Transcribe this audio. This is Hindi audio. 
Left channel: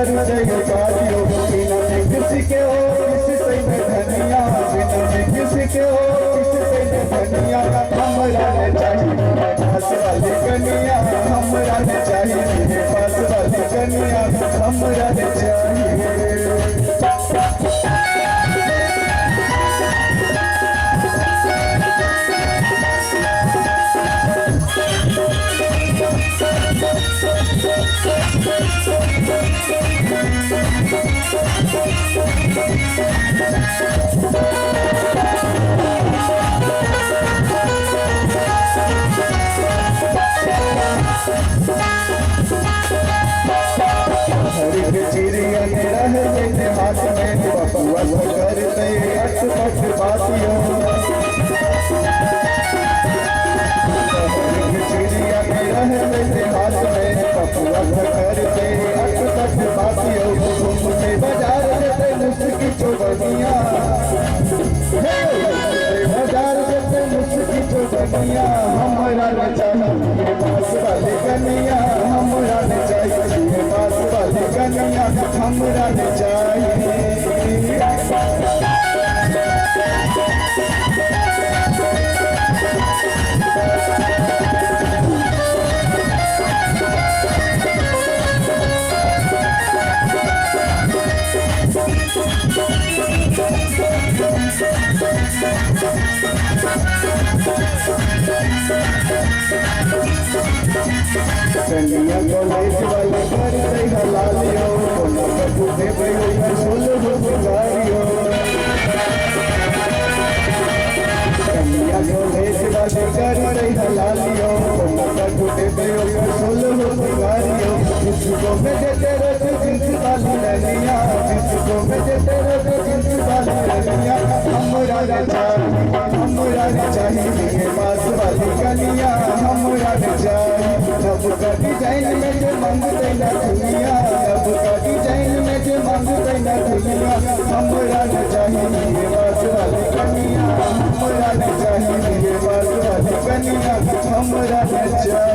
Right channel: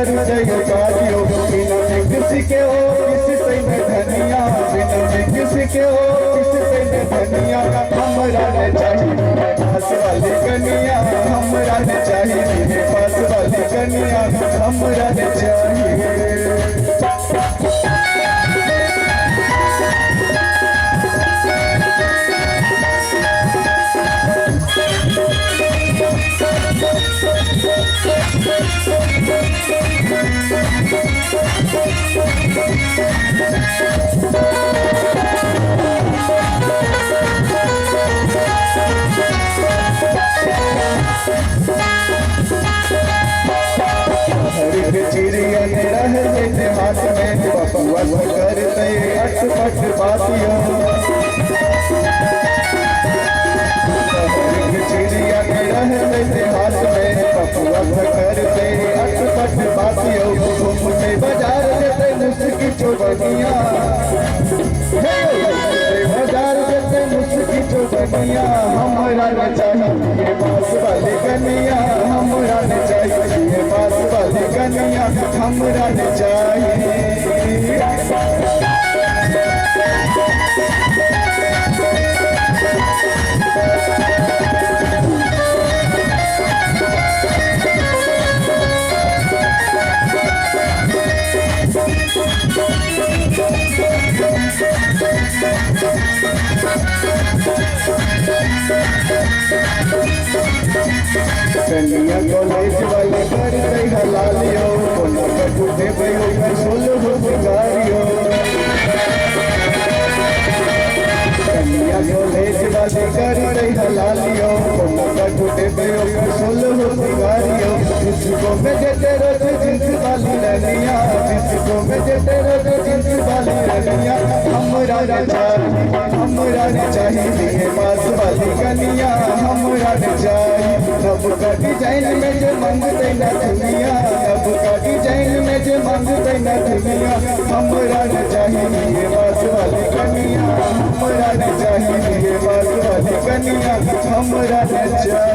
कर जय कारियो बिना में किसी के हो किसी से में धनिया बिना में किसी के हो किसी से में धनिया हमरा ने चाहिए पास वाली कनिया हमरा ने चाहिए पास वाली कनिया हमरा ने चाहिए। हर चिड़िया ने रह लेते हाथ में बकुआ करते अटपट बातियों चिड़िया ने रह लेते हाथ में बकुआ करते अटपट बातियों घूमते बाजार देते मुस्की चौबनिया बाजार देते मुस्की चौबनिया हमरा न चाहिए पास वाली कनिया हमरा न चाहिए पास वाली कनिया हमरा न चाहिए। कन्या कॉलेज वाले करते हलालियो कोनो कटुते भयो सोलो रोजगारियो कन्या कॉलेज वाले करते हलालियो कोनो कटुते भयो सोलो रोजगारियो जिसको में देते रोज जिंस वाली रनिया जिसको में देते रोज जिंस वाली रनिया हमरा ने चाहिए पास वाली कनिया हमरा ने चाहिए। अब का डिजाइन में जो मांगते न दुनिया अब का डिजाइन में जो मांगते न दुनिया हमरा न चाहिए पास वाली कनिया हमरा न चाहिए पास वाली कनिया हमरा न चाहिए।